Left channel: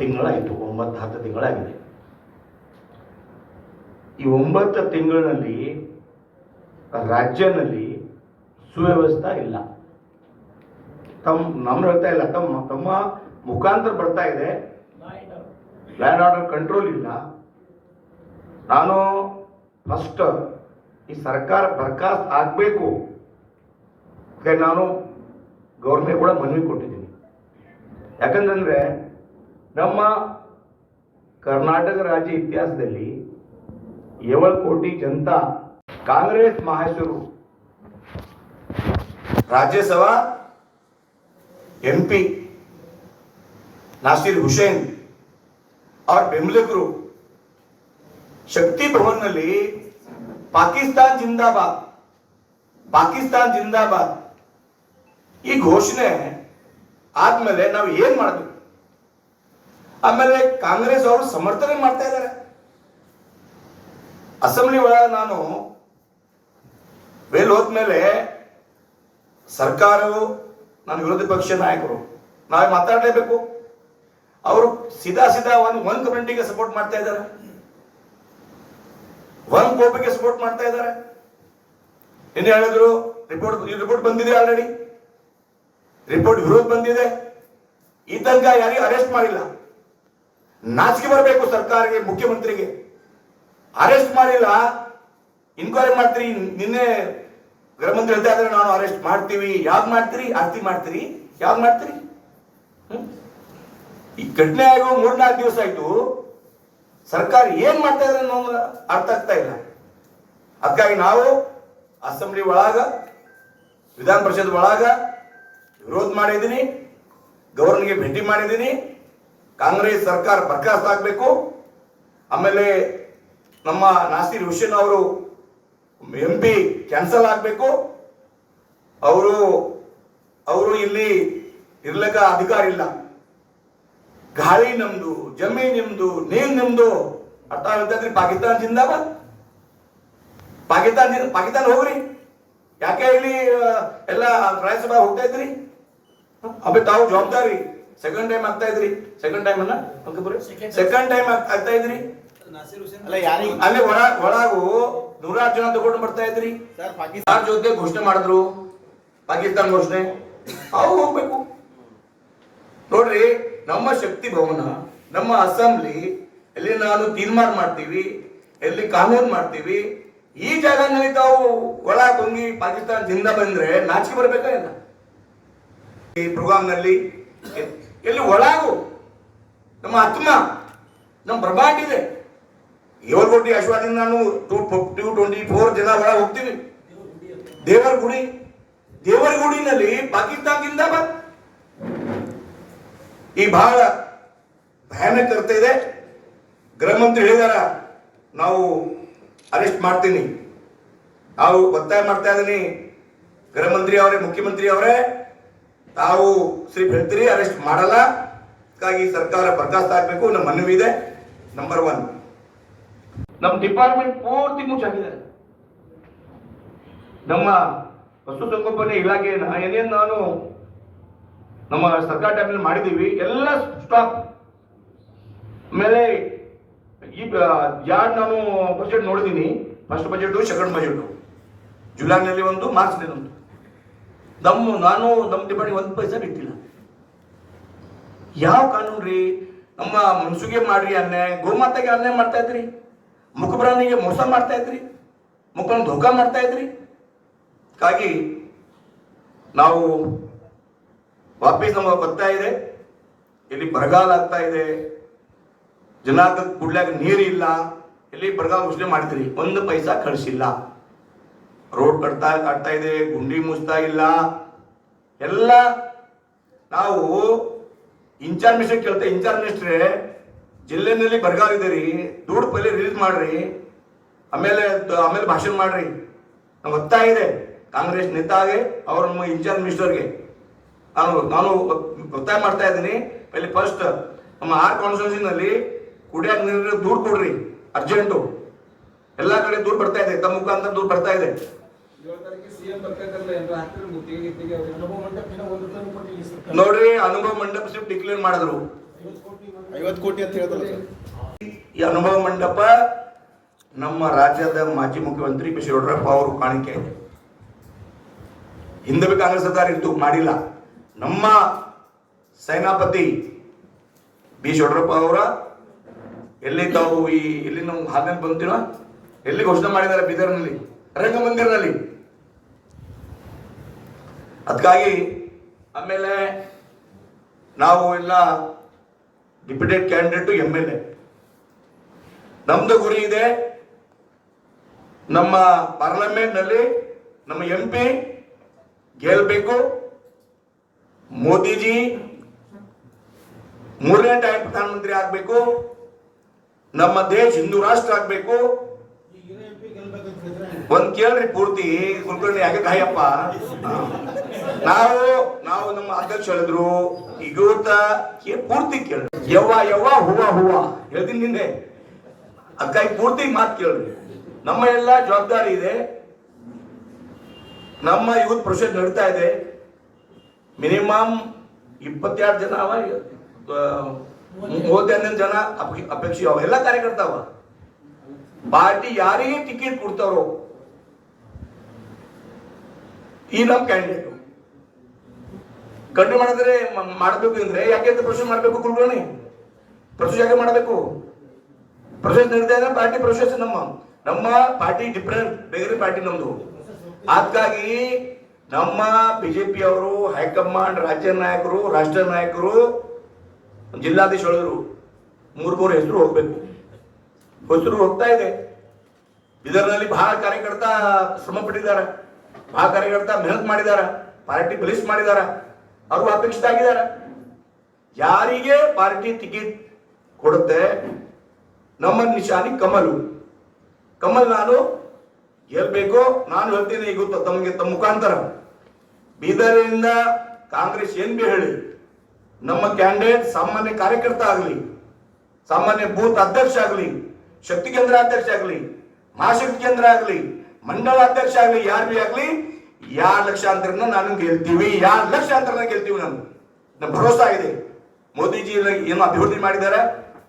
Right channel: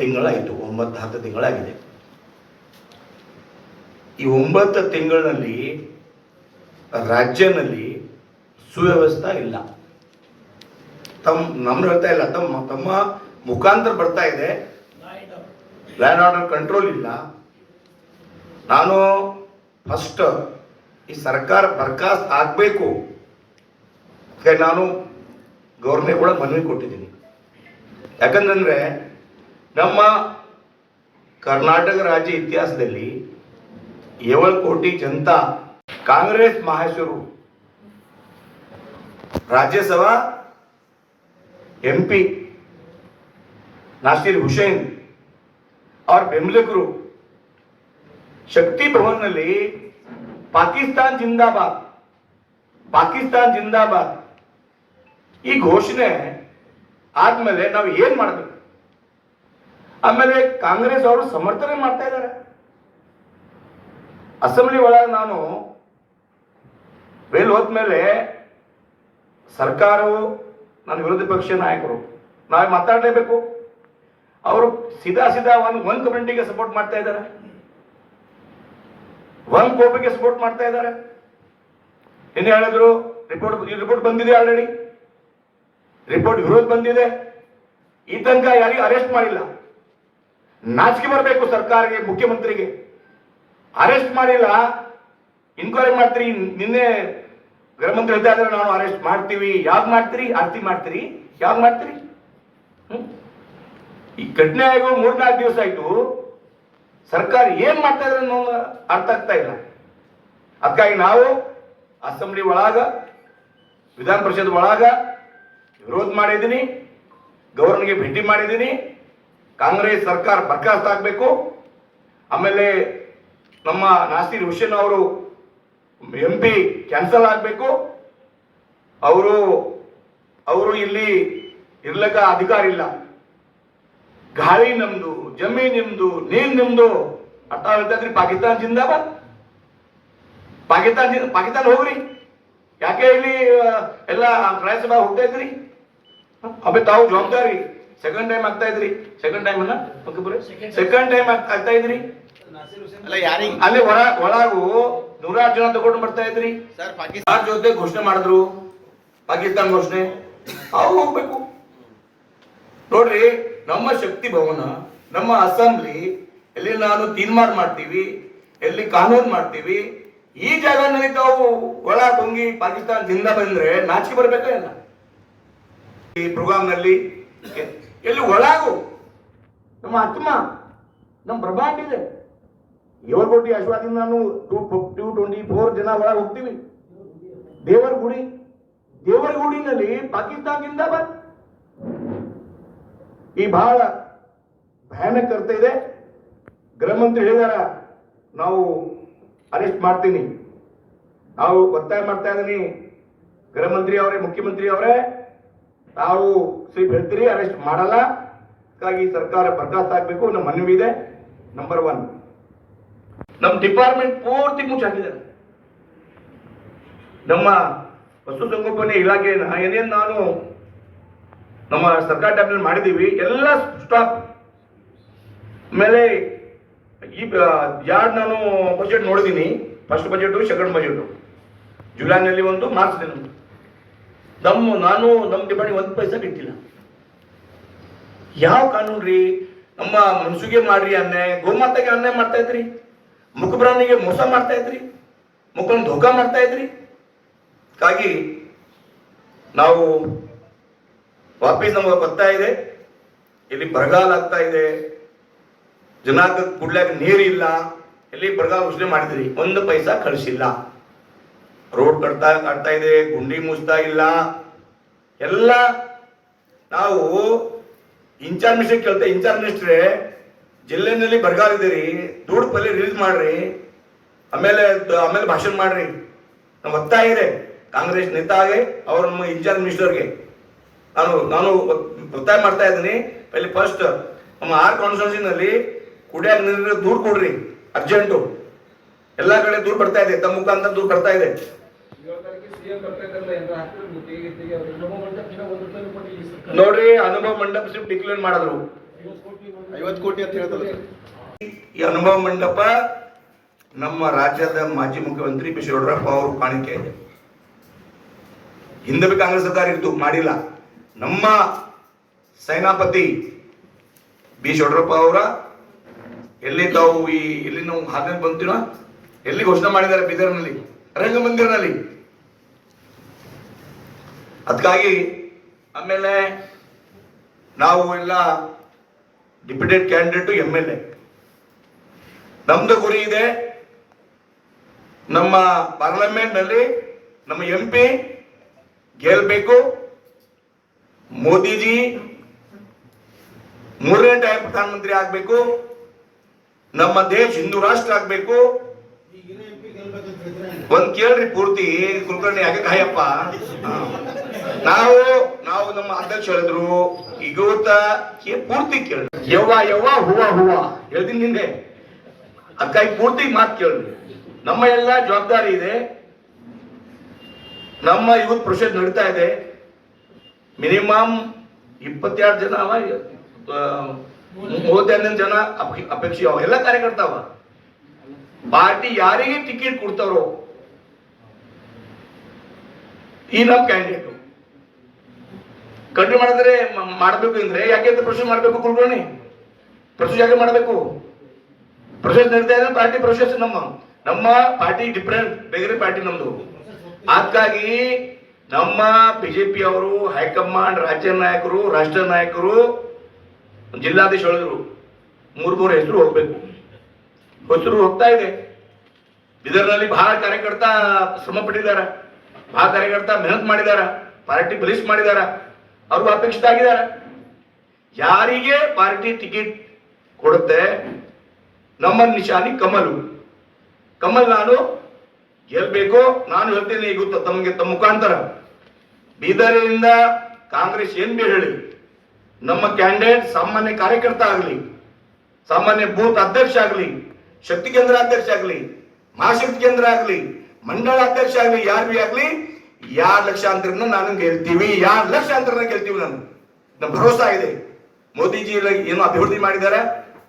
ತಿಂಗಳಾಯಿತು, 9-10 ತಿಂಗಳಾಗಿದೆ. ಈ 9 ತಿಂಗಳಿನಲ್ಲಿ ರಾಜ್ಯದಲ್ಲಿ ಸುವ್ಯವಸ್ಥೆ ಇಲ್ಲ. ನಮ್ಮ ಹೇಳ್ತಾ ಇಲ್ಲ, ತಮ್ಮ ಮುಖಾಂತರ ಬರ್ತಾ ಇದೆ. ಲ್ಯಾಂಡ್ ಆರ್ಡರ್ ಕಂಟ್ರೋಲ್ ಇಲ್ಲ. ನಾನು ಫಸ್ಟ್ ಈ ಸರ್ಕಾರ ಬರ್ಖಾಸ್ತ್ ಆಗಬೇಕು. ನಾನು ಗವರ್ನರ್ ಕೂಡ ಮನವಿ ಕೊಟ್ಟಿದ್ದೀನಿ. ಯಾಕಂತಂದರೆ ನಮ್ಮ ಕರ್ನಾಟಕ ರಾಜ್ಯ ಇತಿಹಾಸದಲ್ಲಿ 7 ಕೋಟಿ ಜನತಾ ಕಾಂಗ್ರೆಸ್ ಮಹಾಶಯರು ರಾಜ್ಯಸಭಾ MP ನಾಸಿರ್ ಹುಸೇನ್ ಅವ್ರ ಬೆಂಬಲಿಗರು ಶಕ್ತಿ ಭವನ್ನಲ್ಲಿ ಪಾಕಿಸ್ತಾನ್ ಜಿಂದಾಬಾದ್, ಪಾಕಿಸ್ತಾನ್ ಜಿಂದಾಬಾದ್ ಈ ಘೋಷಣೆ ಆದ್ಮೇಲೆ ನಾವು ಏನ್ ಮಾಡಬೇಕು? ಆಮೇಲೆ ಕಾಂಗ್ರೆಸ್ ಅವರು ಸಮರ್ಥನೆ ಮಾಡ್ತಾ ಇದ್ದಾರೆ. ಅಸೆಂಬ್ಲಿ ಒಳಗೆ ನಾನು ಹೋದ್ಮೇಲೆ ಸರ್ಕಾರವು, ನನ್ನ ವಿರೋಧ ಪಕ್ಷ ನಾಯಕರು ನಾವು ಮಾತಾಡಲೇಬೇಕು. ಅವರು ಸೀದಾ ಒಂದು ಕಮಿಟಿಗೆ ಸಪೋರ್ಟ್ ಮಾಡ್ತಾ ಇದ್ದಾರೆ, ಒಂದು ಕೋಪಿಗೆ ಸಪೋರ್ಟ್ ಮಾಡ್ತಾ ಇದ್ದಾರೆ. ಇನ್ನು ಹೇಳಿದ್ರು ರಿಪೋರ್ಟ್ ಬಂದಿದೆ, ಆಲ್ರೆಡಿ ರಿಪೋರ್ಟ್ ವಿರೋಧ ಬಂದಿದೆ. ಈ ತನಕ ಯಾರಿಗೂ ಅರೆಸ್ಟ್ ಮಾಡಿಲ್ಲ. ನಾಚಿಕೆ ಬರಬೇಕು ಸರ್ಕಾರಕ್ಕೆ, ಮುಖ್ಯಮಂತ್ರಿಗೆ. ಅರೆಸ್ಟ್ ಮಾಡಿಲ್ಲ, ಇನ್ಕ್ವೈರಿ ಮಾಡ್ತೀರಿ. ನಿನ್ನೆ ಗೃಹ ಮಂತ್ರಿ ಹೇಳ್ತಾ ಇದ್ದಾರೆ, ನಾನು ಅರೆಸ್ಟ್ ಮಾಡ್ತೀವಿ. ಯಾವ್ದು ಮಾಡ್ತೀರಿ? ಆರ್ತಿ ಮಾಡ್ತೀರಿ? ಯಾವ್ದು ಮಾಡ್ತೀರಿ? ಈ ಘಟನೆ ಆಗೋ 3-4 ದಿವಸ ಆಯ್ತು. ಸರ್ಕಾರ ಏನ್ ಮಾಡ್ತಾ ಇದ್ರೆ ಅನ್ನೋದು ಅರ್ಥ ಆಗ್ತಾ ಇಲ್ಲ. ಅದಕ್ಕಾಗಿ ನಾವು ಅಸೆಂಬ್ಲಿ ಒಳಗ, ವಿಧಾನ ಪರಿಷತ್ ಒಳಗ ವಿರೋಧ ಮಾಡಿದ್ದೀನಿ, ಗವರ್ನರ್ಗೆ ಭೇಟಿ ಮಾಡಿದ್ದೀನಿ. ಕಾಂಗ್ರೆಸ್ ಸರ್ಕಾರ ಬರ್ಖಾಸ್ತ್ ಆಗಬೇಕು. ಆಮೇಲೆ ನಮ್ಮ ನಾಸಿರ್ ಹುಸೇನ್ ಅವರು MP ಕ್ಯಾನ್ಸಲ್ ಆಗಬೇಕು. ಅವರು ಇಲ್ಲಿ ಇರ್ಲಕ್ಕ ಅಧಿಕಾರ ಇಲ್ಲ. ಗಾಳಿ ನಮ್ದು, ಜಮೀನ್ ನಿಮ್ದು, ನೀರು ನಿಮ್ದು ಅರ್ಥ ಹೇಳ್ತಾ ಇದ್ರಿ. ಪಾಕಿಸ್ತಾನ್ ಜಿಂದಾಬಾದ್, ಪಾಕಿಸ್ತಾನ ಹೋಗ್ರಿ. ಯಾಕೆ ಇಲ್ಲಿ ಎಲ್ಲ ರಾಜ್ಯಸಭಾ ಹೋಗ್ತಾ ಇದ್ರಿ? ಅಬೆ ತಾವು ಜವಾಬ್ದಾರಿ. ಸೆಕೆಂಡ್ ಟೈಮ್ ಆಗ್ತಾ ಇದ್ರಿ. ಸೆಕೆಂಡ್ ಟೈಮ್ ಆಗ್ತಾ ಇದ್ರಿ. ಅಲ್ಲಿ ಒಳಗು 106 ಜನ ತಗೊಂಡು ಬರ್ತಾ ಇದ್ರಿ. ಪಾಕಿಸ್ತಾನ ಜೊತೆ ಘೋಷಣೆ ಮಾಡಿದ್ರು, ಪಾಕಿಸ್ತಾನ ಘೋಷಣೆ. ಅವ್ರು ಹೋಗ್ಬೇಕು. ನೋಡ್ರಿ, ನಮ್ಮ ಶಕ್ತಿ ಭವನ, ನಮ್ಮ ಅಸೆಂಬ್ಲಿ ಎಲ್ಲಿ ನಾನು ತೀರ್ಮಾನ ಮಾಡ್ತೀವಿ, ಎಲ್ಲಿ ಕಾನೂನು ಮಾಡ್ತೀವಿ, ಈ ಜಾಗನಲ್ಲಿ ತಾವು ಒಳಗೆ ಹೋಗಿ ಪಾಕಿಸ್ತಾನ ಜಿಂದ ಬಂದ್ರೆ ನಾಚಿಕೆ ಬರ್ಬೇಕಾ ಇಲ್ಲ? ಈ ಪ್ರೋಗ್ರಾಮ್ ನಲ್ಲಿ ಎಲ್ಲಿ ಒಳಗು ನಮ್ಮ ಆತ್ಮ, ನಮ್ಮ ಬ್ರಹ್ಮಾಂಡ ಇದೆ. 7 ಕೋಟಿ ಆಶೀರ್ವಾದದಿಂದ ನಾನು 224 ಜನ ಒಳಗೆ ಹೋಗ್ತೀವಿ. ದೇವರ ಗುಡಿನಲ್ಲಿ ಪಾಕಿಸ್ತಾನ ಜಿಂದಾಬಾದ್. ಈ ಬಹಳ ಭಯಾನಕ ಇರ್ತಾ ಇದೆ. ಗೃಹ ಮಂತ್ರಿ ಹೇಳಿದಾರ, ನಾವು ಅರೆಸ್ಟ್ ಮಾಡ್ತೀನಿ. ನಾವು ಒತ್ತಾಯ ಮಾಡ್ತಾ ಇದ್ದೀನಿ, ಗೃಹ ಮಂತ್ರಿ ಅವರೇ, ಮುಖ್ಯಮಂತ್ರಿ ಅವರೇ, ತಾವು ಸಿರ್ಫ್ ಹೇಳ್ತೀರಿ, ಅರೆಸ್ಟ್ ಮಾಡಲ್ಲ. ಹಾಗಾಗಿ ಸರ್ಕಾರ ಬರ್ಖಾಸ್ತ್ ಆಗಬೇಕು. ನಮ್ಮ ಮನವಿ ಇದೆ. ನಂಬರ್ 1, ನಮ್ಮ ಡಿಪಾರ್ಟ್ಮೆಂಟ್ ಪೂರ್ತಿ ಮುಚ್ಚಾಕಿದ್ದಾರೆ. ನಮ್ಮ ಪಶುಸಂಗೋಪನೆ ಇಲಾಖೆನ ಏನೇನು ನಾನು ನಮ್ಮ ಸರ್ಕಾರ ಟೈಮ್ನಲ್ಲಿ ಮಾಡಿದ್ದೀವಿ ಎಲ್ಲ ಸ್ಟಾಪ್. ಆಮೇಲೆ ಈ ಯಾರು ನಾನು ಬಜೆಟ್ ನೋಡಿದ್ದೀನಿ, ಫಸ್ಟ್ ಬಜೆಟ್, ಸೆಕೆಂಡ್ ಬಜೆಟ್, ಜುಲೈನಲ್ಲಿ ಒಂದು, ಮಾರ್ಚ್ನಲ್ಲಿ ಒಂದು. ನಮ್ಮ ಡಿಪಾರ್ಟ್ಮೆಂಟ್ 1 ಪೈಸಾ ಬಿಟ್ಟಿಲ್ಲ. ಯಾವ ಕಾನೂನು ರೀ? ನಮ್ಮ ಮನ್ಸುಗೆ ಮಾಡ್ರಿ ಅನ್ಯಾಯ, ಗೋಮಾತೆಗೆ ಅನ್ಯಾಯ ಮಾಡ್ತಾ ಇದ್ರಿ, ಮುಖಬ್ರಾಣಿಗೆ ಮೋಸ ಮಾಡ್ತಾ ಇದ್ರಿ, ಮುಖನ ಧೋಕಾ ಮಾಡ್ತಾ ಇದ್ರಿ. ಹಾಗಾಗಿ ನಾವು ವಾಪಸ್ ನಮಗೆ ಬರ್ತಾ ಇದೆ. ಇಲ್ಲಿ ಬರಗಾಲ ಆಗ್ತಾ ಇದೆ, ಜನಕ್ಕೆ ಕುಡ್ಲಾಕ ನೀರಿಲ್ಲ. ಇಲ್ಲಿ ಬರಗಾಲ ಘೋಷಣೆ ಮಾಡಿದ್ರಿ, 1 ಪೈಸಾ ಕಳಿಸಿಲ್ಲ. ರೋಡ್ ಕಟ್ತಾ ಇದೆ, ಗುಂಡಿ ಮುಚ್ತಾ ಇಲ್ಲ. ಎಲ್ಲ ನಾವು ಇನ್ಚಾರ್ಜ್ ಮಿನಿಸ್ಟರ್ ಕೇಳ್ತಾ, ಇನ್ಚಾರ್ಜ್ ಮಿನಿಸ್ಟ್ರೇ ಜಿಲ್ಲೆನಲ್ಲಿ ಬರಗಾಲ ಇದೆ ರೀ, ದುಡ್ಡು ಪಲ್ಲಿ ರಿಲೀಸ್ ಮಾಡ್ರಿ, ಆಮೇಲೆ ಭಾಷಣ ಮಾಡ್ರಿ. ನಾವು ಒತ್ತಾಯ ಇದೆ ಕಾಂಗ್ರೆಸ್ ನೇತಾಗೆ, ಅವ್ರ ನಮ್ಮ ಇನ್ಚಾರ್ಜ್ ಮಿನಿಸ್ಟರ್ಗೆ ನಾನು ಒತ್ತಾಯ ಮಾಡ್ತಾ ಇದ್ದೀನಿ. ಅಲ್ಲಿ ಫಸ್ಟ್ ನಮ್ಮ 6 ಕಾನ್ಸ್ಟಿಟ್ಯೂನ್ಸಿನಲ್ಲಿ ಕುಡಿಯಾಕ ನೀರಿನ ದೂರು ಕೊಡ್ರಿ, ಅರ್ಜೆಂಟು. ಎಲ್ಲ ಕಡೆ ದೂರು ಬರ್ತಾ ಇದೆ, ತಮ್ಮ ಮುಖಾಂತರ ದೂರು ಬರ್ತಾ ಇದೆ. ನೋಡ್ರಿ, ಅನುಭವ ಮಂಟಪ ಡಿಕ್ಲೇರ್ ಮಾಡಿದ್ರು. 50 ಕೋಟಿ ಅಂತ ಹೇಳ್ತಾರೆ. ಈ ಅನುಭವ ಮಂಟಪ ನಮ್ಮ ರಾಜ್ಯದ ಮಾಜಿ ಮುಖ್ಯಮಂತ್ರಿ ಬಿ. ಯಡಿಯೂರಪ್ಪ ಅವರು ಕಾಣಿಕೆ ಇದೆ. ಹಿಂದೆ ಕಾಂಗ್ರೆಸ್ ಸರ್ಕಾರ ಇದ್ದು ಮಾಡಿಲ್ಲ. ನಮ್ಮ ಸೇನಾಪತಿ ಬಿ. ಯಡಿಯೂರಪ್ಪ ಅವರ ಎಲ್ಲಿ ತಾವು ಎಲ್ಲಿ ನಾವು ಹಾಗೆ ಬಂತೀನೋ ಎಲ್ಲಿ ಘೋಷಣೆ ಮಾಡಿದ್ದಾರೆ, ಬೀದರ್ನಲ್ಲಿ ರಂಗಮಂದಿರನಲ್ಲಿ. ಅದಕ್ಕಾಗಿ ಆಮೇಲೆ ನಾವು ಎಲ್ಲ ಡಿಪ್ಯೂಟೆಡ್ ಕ್ಯಾಂಡಿಡೇಟ್ MLA ನಮ್ದು ಗುರಿ ಇದೆ. ನಮ್ಮ ಪಾರ್ಲಿಮೆಂಟ್ ನಲ್ಲಿ ನಮ್ಮ MP ಗೆಲ್ಬೇಕು. ಮೋದಿಜಿ 3ನೇ ಟೈಮ್ ಪ್ರಧಾನಮಂತ್ರಿ ಆಗ್ಬೇಕು. ನಮ್ಮ ದೇಶ ಹಿಂದೂ ರಾಷ್ಟ್ರ ಆಗ್ಬೇಕು. ಒಂದ್ ಕೇಳ್ರಿ ಪೂರ್ತಿ ಕುಲಕರ್ಣಿ ಯಾಕೆ ಕಾಯಪ್ಪ. ನಾವು ನಮ್ಮ ಅಧ್ಯಕ್ಷ ಹೇಳಿದ್ರು ಈಗ ಪೂರ್ತಿ ಕೇಳಿ ಯವ್ವ ಹೂವ ಹೇಳ್ತೀನಿ ನಿನ್ನೆ. ಅದಕ್ಕಾಗಿ ಪೂರ್ತಿ ಮಾತು ಕೇಳ್ರಿ. ನಮ್ಮ ಎಲ್ಲ ಜವಾಬ್ದಾರಿ ಇದೆ. ನಮ್ಮ ಯೂತ್ ಪ್ರೊಸೆಸ್ ನಡೀತಾ ಇದೆ. ಮಿನಿಮಮ್ 22 ಜನ 31 ಜನ ಅಪೇಕ್ಷೆ ಎಲ್ಲ ಕಾರ್ಯಕರ್ತಾವ. ಪಾರ್ಟಿ ಯಾರಿಗೆ ಟಿಕೆಟ್ ಕೊಡ್ತಾರೋ ಈ ನಮ್ಮ ಕ್ಯಾಂಡಿಡೇಟ್ ಕಂಟ್ರೋಲ್ ಮಾಡಿದ್ರೆ ಮಾಡಬೇಕು ಅಂದ್ರೆ ಯಾಕೆ ಪ್ರೊಸೆಸ್ ಮಾಡಬೇಕು. ಕುಲಕರ್ಣಿ ಪ್ರೊಸೆಸ್ ಯಾಕೆ ಮಾಡಬೇಕು. ಪ್ರೊಸೆಸ್ ನಡೀತಾ ಇದೆ. ಪಾರ್ಟಿ ಪ್ರೊಸೆಸ್ ನಮ್ಮ ಪಾರ್ಟಿ ಡಿಫರೆಂಟ್, ಬೇರೆ ಪಾರ್ಟಿ ನಮ್ದು. ಹಾಗಾಗಿ ನಮ್ಮ ಬಿಜೆಪಿ ಅವರು ಹೈಕಮಾಂಡ್, ರಾಜ್ಯ ನಾಯಕರು, ರಾಷ್ಟ್ರ ನಾಯಕರು, ಜಿಲ್ಲಾಧೀಶ ಹೇಳಿದ್ರು 3 ಹೆಸರು ಹೋಗ್ಬೇಕು. ಹೆಸರು ಹೋಗ್ತಾ ಇದೆ. ಇದರಲ್ಲಿ ಬಹಳ ಕಾರ್ಯಕರ್ತ ಶ್ರಮ ಪಟ್ಟಿದ್ದಾರೆ, ಬಹಳ ಕಾರ್ಯಕರ್ತ ಮೆಹನತ್ ಮಾಡಿದ್ದಾರೆ, ಪಾರ್ಟಿ ಬಲಿಷ್ಠ ಮಾಡಿದ್ದಾರೆ, ಅವರು ಅಪೇಕ್ಷಿತ ಆಗಿದ್ದಾರೆ. ಯಾರಿಗೆ ಪಾರ್ಟಿ ಟಿಕೆಟ್ ಕೊಡುತ್ತೆ ನಮ್ಮ ನಿಶಾನಿ ಕಮಲ್ ನಾನು ಗೆಲ್ಬೇಕು. ನಾನು ಹೇಳ್ತೀನಿ ಈಗ ತಮಗೆ ತಮ್ಮ ಮುಖಾಂತರ ಬೀದರಿನಿಂದ ಕಾಂಗ್ರೆಸ್ ಏನ್ ಬಿ ಹೇಳಿ ನಮ್ಮ ಕ್ಯಾಂಡಿಡೇಟ್ ಸಾಮಾನ್ಯ ಕಾರ್ಯಕರ್ತ ಆಗಲಿ, ಸಾಮಾನ್ಯ ಬೂತ್ ಅಧ್ಯಕ್ಷ ಆಗಲಿ, ಶಕ್ತಿ ಕೇಂದ್ರ ಅಧ್ಯಕ್ಷ ಆಗಲಿ, ಮಹಾಶಕ್ತಿ ಕೇಂದ್ರ ಆಗಲಿ, ಮಂಡಳ ಅಧ್ಯಕ್ಷ ಆಗಲಿ, ಯಾರು ಬಿ ಆಗಲಿ 2 ಲಕ್ಷಾಂತರ ನಾನು ಗೆಲ್ತೀವಿ. 2 ಲಕ್ಷಾಂತರ ಗೆಲ್ತೀವಿ. ನಮ್ಮ ಭರೋಸಾ ಇದೆ. ಮೋದಿಜಿ ಏನೋ ಅಭಿವೃದ್ಧಿ ಮಾಡಿದ್ದಾರೆ,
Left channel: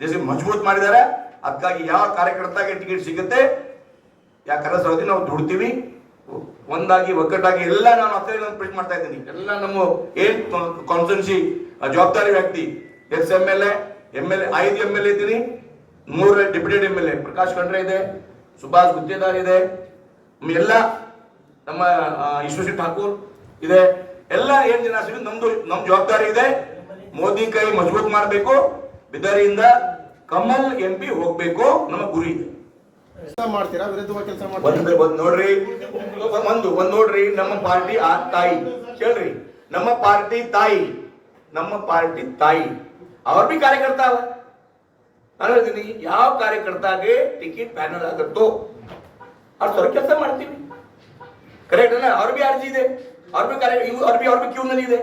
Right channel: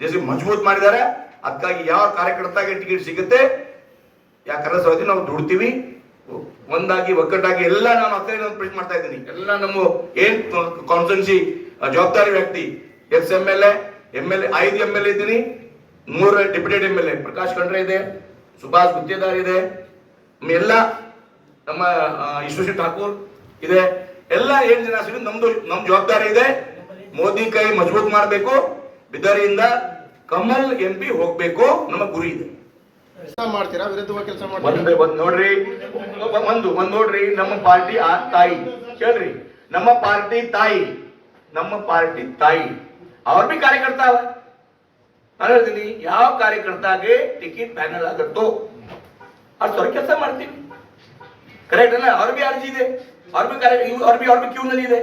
ದೇಶ ಮಜಬೂತ್ ಮಾಡಿದ್ದಾರೆ. ಅದಕ್ಕಾಗಿ ಯಾವ ಕಾರ್ಯಕರ್ತಾಗೆ ಟಿಕೆಟ್ ಸಿಗುತ್ತೆ ಯಾಕಂದ್ರೆ ನಾವು ದುಡ್ತೀವಿ ಒಂದಾಗಿ ಒಗ್ಗಟ್ಟಾಗಿ. ಎಲ್ಲ ನಾನು ಪ್ರೆಸ್ ಮಾಡ್ತಾ ಇದ್ದೀನಿ. ಎಲ್ಲ ನಮ್ಮ ಏನ್ ಕಾನ್ಸ್ಟಿಟ್ಯೂನ್ಸಿ ಜವಾಬ್ದಾರಿ ವ್ಯಕ್ತಿ MLA 5 MLA ಇದ್ದೀನಿ, 3 ಡಿಪ್ಯೂಟೆಡ್ MLA ಪ್ರಕಾಶ್ ಖಂಡ್ರೆ ಇದೆ, ಸುಭಾಷ್ ಗುತ್ತೇದಾರ್ ಇದೆ, ಎಲ್ಲ ನಮ್ಮ ಈಶ್ವರ್ ಠಾಕೂರ್ ಇದೆ. ಎಲ್ಲ ಏನ್ ಜನ ಸಿಡಿ ನಮ್ ಜವಾಬ್ದಾರಿ ಇದೆ. ಮೋದಿ ಕೈ ಮಜಬೂತ್ ಮಾಡಬೇಕು. ಬಿದರಿಯಿಂದ ಕಮಲ್ MP ಹೋಗ್ಬೇಕು, ನಮ್ಮ ಗುರಿ ಇದೆ. ಮಾಡ್ತೀರಾ ವಿರುದ್ಧವಾಗಿ ಕೆಲಸ ಮಾಡ್ತೀರಾ? ನೋಡ್ರಿ ಒಂದ್ ನೋಡ್ರಿ, ನಮ್ಮ ಪಾರ್ಟಿ ತಾಯಿ ಕೇಳ್ರಿ, ನಮ್ಮ ಪಾರ್ಟಿ ತಾಯಿ ಅವ್ರ ಬಿ ಕಾರ್ಯಕರ್ತ ಅವ. ನಾನು ಹೇಳ್ತೀನಿ ಯಾವ ಕಾರ್ಯಕರ್ತಾಗೆ ಟಿಕೆಟ್ ಫೈನಲ್ ಆಗುತ್ತೋ ಅವ್ರ ಕೆಲಸ ಮಾಡ್ತೀವಿ. ಕರೆಕ್ಟ್ ಅಲ್ಲ? ಅವ್ರ ಬಿ ಅರ್ಜಿ ಇದೆ, ಅವ್ರ ಬಿ ಕ್ಯೂ ನಲ್ಲಿ ಇದೆ,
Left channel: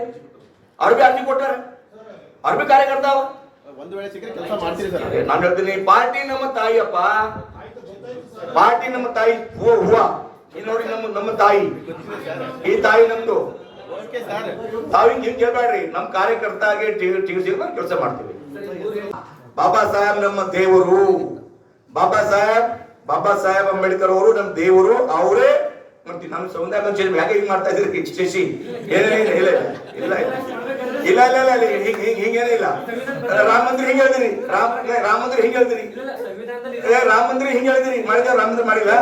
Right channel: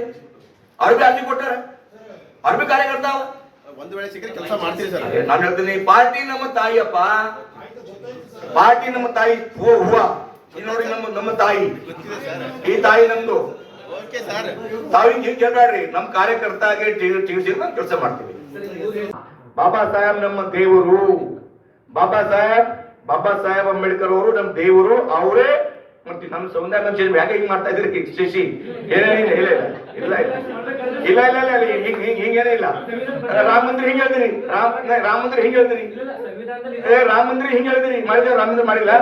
ಅವ್ರ ಬಿ ಅರ್ಜಿ ಕೊಟ್ಟಾರ, ಅವ್ರ ಬಿ ಕಾರ್ಯಕರ್ತ ಅವ. ಒಂದು ವೇಳೆ ಸಿಕ್ಕರೆ ಕೆಲಸ ಮಾಡ್ತೀರಿ ಸರ್? ನಾನು ಹೇಳ್ತೀನಿ ಪಾರ್ಟಿ ನಮ್ಮ ತಾಯಿಯಪ್ಪ, ಪಾರ್ಟಿ ನಮ್ಮ ತಾಯಿ. ಹೂವ ನೋಡಿ, ನಮ್ಮ ತಾಯಿ, ಈ ತಾಯಿ ನಮ್ದು. ತಾವು ಹಿಂಗೆ ಕೇಳ್ಬೇಡ್ರಿ. ನಮ್ಮ ಕಾರ್ಯಕರ್ತಾಗೆ ಕೆಲಸ ಮಾಡ್ತೀವಿ. ಬಾಬಾ ಸಾಹೇಬ್ ನಮ್ಮ ದೇವರು. ಬಾಬಾ ಸಾಹೇಬ್ ಅಂಬೇಡ್ಕರ್ ಅವರು ನಮ್ಮ ದೇವರು. ಅವರೇ ಮಾಡ್ತೀವಿ. ನಾನು ಸಂವಿಧಾನ ಚೇಂಜ್ ಯಾಕೆ ಹಿಂಗ್ ಮಾಡ್ತಾ ಇದ್ರಿ ಶಶಿ? ಏನೇನಿಲ್ಲ ಇಲ್ಲ ಇಲ್ಲ ಇಲ್ಲ ಇಲ್ಲ ಇಲ್ಲ ಹಿಂಗೇನೇ ಇಲ್ಲ. ರಾಮ ಮಂದಿರ ಹಿಂಗ್ ಹೇಳ್ತೀರಿ, ರಾಮ ಮಂದಿರ ಹಿಂಗ್ ಹೇಳ್ತೀರಿ, ರಾಮ ಮಂದಿರ ಹಿಂಗ್ ಹೇಳ್ತೀರಿ. ಮಾಡಿದ್ರೆ ರಾಮ ಮಂದಿರ ಮಾಡಿಲ್ಲ.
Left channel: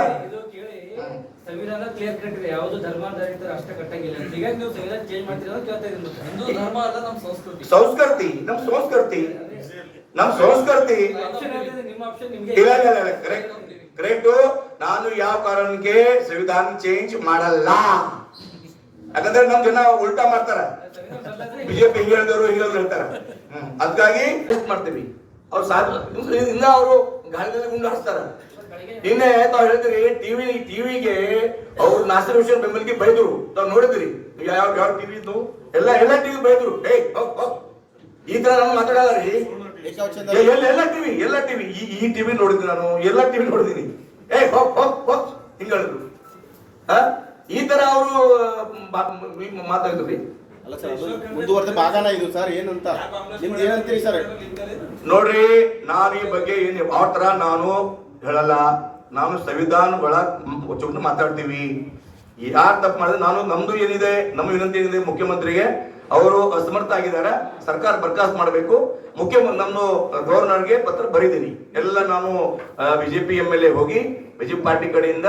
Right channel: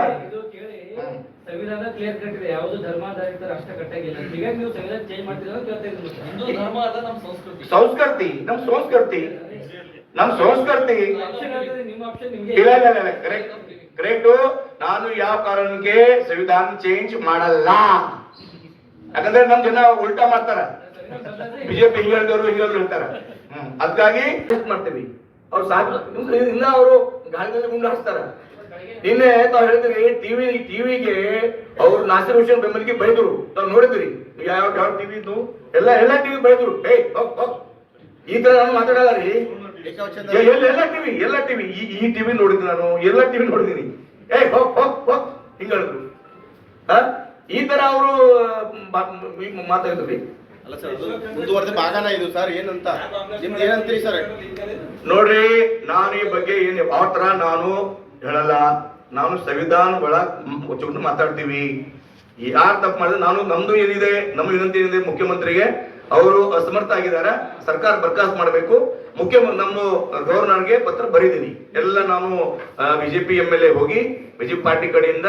ಸಂವಿಧಾನ ಕ್ಲಿಯರ್ ಕಟ್ ಇದೆ, ಯಾವುದು ಧರ್ಮಾಧಾರಿತ ರಾಷ್ಟ್ರ ಕಟ್ಟಾಗಿಲ್ಲ. ಹೀಗಾಗಿ ನೀವು ಸಂವಿಧಾನ ಚೇಂಜ್ ಮಾಡ್ತೀರಾ ಅಂತ ಕೇಳ್ತಾ ಇದ್ದೀನಿ. ಹಿಂದೂ ಧರ್ಮ ಅಲ್ಲ ನಮ್ಮ ಸಂಸ್ಕೃತಿ. ನಮ್ಮ ಸಂಸ್ಕೃತಿ ನಿಮ್ಮ ಆಪ್ಷನ್ ನಿಮಗೆ ಇಲ್ಲ ಇಲ್ಲ ಇಲ್ಲ ಕರೆಕ್ಟ್. ನಾನು ಯಾವ ಕಾರಣಕ್ಕೆ ಸಂವಿಧಾನ ಚೇಂಜ್ ಮಾಡಲ್ಲ. ಯಾಕಂದ್ರೆ ನಮ್ ಜನ ಉಲ್ಟಾ ಮಾಡ್ತಾರ. ಬಿಜೆಪಿ ಹಿಂಗ್ ಹೇಳಿದವರು ಹೇಳ್ತಾರ. ಅದಕ್ಕಾಗಿ ಮಾಡ್ತೀವಿ. ಅವ್ರು ಇನ್ನ ಅವರು ಗಾಳಿಯಲ್ಲಿ ಗುಂಡಾಡಿಸ್ತಾರ. ನಿನ್ನೆ ತಾವ್ ಹೇಳಿದ್ರಿ ಟಿವಿಗೆ ಅವ್ರು ನಾಸಿರ್ ಹುಸೇನ್ ಬೆಂಬಲಿಗೆ ಬೈದ್ರು. ತಾವ್ ನೋಡಿದ್ರಿ ಯಾವ ಟಿವಿ ಇದ್ದು? ಎಲ್ಲ ಟಿವಿ ಬೈದ್ರು. ಈ ತರ ನಾನು ಮಾತಾಡೋದ್ರಿ. ಎಲ್ಲ ಟಿವಿ ಈ ಟಿವಿ ನೋಡಿದ್ವಿ, ನಾನು ಎಲ್ಲ ಟಿವಿ ನೋಡಿದೀನಿ. ಹಿಂಗ್ ಹೇಳಿದ್ರು. ಈ ತರ ಅವರು ಮಾತಾಡಿದ್ರಿ. ಅಲ್ಲ ಸರ್, ಅದು ಮುಂದುವರೆದ ಭಾಗನ ಇದು ಸರ್, ಏನಂತ ನಿಮ್ದು ಏನಂತೀರಿ ಸರ್? ನೋಡ್ರಿ, ನಾನು ಈ ಬಗ್ಗೆ ಏನು ಆ ತರ ನಾನು ಹೇಳಲ್ಲ. ನಾನು ಸಂವಿಧಾನ ಒಳಗ ಮಾತಾಡ್ತೀವಿ. ಯಾರು ತಪ್ಪು ಮಾಡಿದ್ರೆ ನಾನು ನಮ್ದು ಏನಿದೆ, ನಮ್ಮ ವಿನಂತಿ ಏನಿದೆ ಮುಖ್ಯಮಂತ್ರಿಗೆ, ಅವರು ಅಸಮರ್ಥ ಆಗಿದ್ದಾರೆ, ಸರ್ಕಾರ ಬರ್ಖಾಸ್ತ್ ಮಾಡಬೇಕು. ನಮ್ಮ ಗವರ್ನರ್ಗೆ ಪತ್ರ ಬರೀತೀನಿ. ಎಲ್ಲ ನಾನು ಬಿಜೆಪಿ MLA ಹೋಗಿ ಬಿಜೆಪಿ ಪಾರ್ಟಿ ಕಡೆಯಿಂದ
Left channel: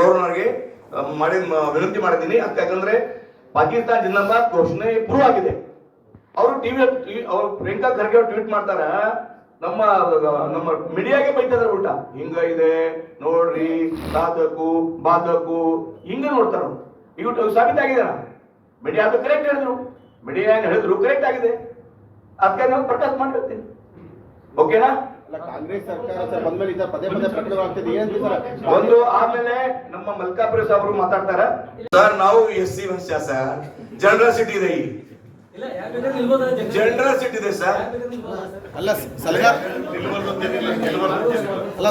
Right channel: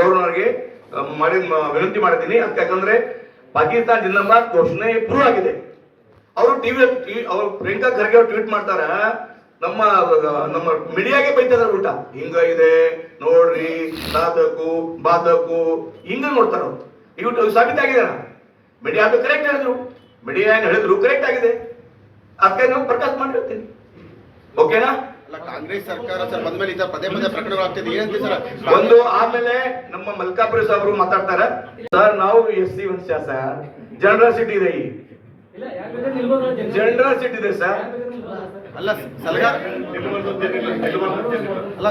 ಗವರ್ನರ್ಗೆ ವಿನಂತಿ ಮಾಡಿದ್ದೀನಿ. ಯಾಕಂದ್ರೆ ಪಾಕಿಸ್ತಾನ ಜಿಂದಾಬಾದ್ ಘೋಷಣೆ ಪ್ರೂವ್ ಆಗಿದೆ. ಅವರು ಅವ್ರು ಪ್ರಿಯಾಂಕಾ ಖರ್ಗೆ ಅವ್ರು ಟ್ವೀಟ್ ಮಾಡ್ತಾರ, ನಮ್ಮ ಮೀಡಿಯಾಗೆ ಬೈತಿದಾರೆ ಉಲ್ಟಾ, ಹಿಂಗಿದೆ ನೋಡ್ರಿ, ಬಾದಕು ಹಿಂಗ ನೋಡ್ತಾರ. ಇವು ಸಾಬೀತ ಆಗಿದೆ. ಮೀಡಿಯಾ ಅದು ಕರೆಕ್ಟ್ ಹೇಳಿದ್ರು, ಮೀಡಿಯಾ ಏನ್ ಹೇಳಿದ್ರು ಕರೆಕ್ಟ್ ಆಗಿದೆ. ಅದಕ್ಕೆ ನಾವು ಪ್ರಕಾಶ್ ಮಾಡಿರ್ತೀನಿ. ಓಕೆನಾ? ಅಲ್ಲ, ಕಾಂಗ್ರೆಸ್ ಸರ್ಕಾರ ಸರ್ ಬಂದ್ಮೇಲೆ ಇದ್ದ ಪದೇ ಪದೇ ಪ್ರಕರಣಗಳಾಗ್ತಿದೆ, ಏನಂತೀರಿ ಸರ್? ಒಂದು ಆದ್ಮೇಲೆ ನಮ್ಮ ಮಲ್ಕಾಪುರ ಸಾಹೇಬರು ಮಾತಾಡ್ತಾರ. ಸರ್, ನಾವು SC ವಂಶ ಸರ್, ಜನರಸಿಟಿ ಇದೆ. ಇಲ್ಲ, ಯಾಕೆ ಬೇಕಾದ್ರೆ ನಿಲ್ಬೋದಾ ಜಗ್ಗೇಶ್? ಜನರಸಿಟಿ ಇದೆ ಸರ್. ಯಾಕೆ ಬೇಕಾದ್ರೆ ನಿಲ್ಬೋದಾ ಸರ್? ಅಲ್ಲ ಸಲಹೆ ಅಲ್ಲ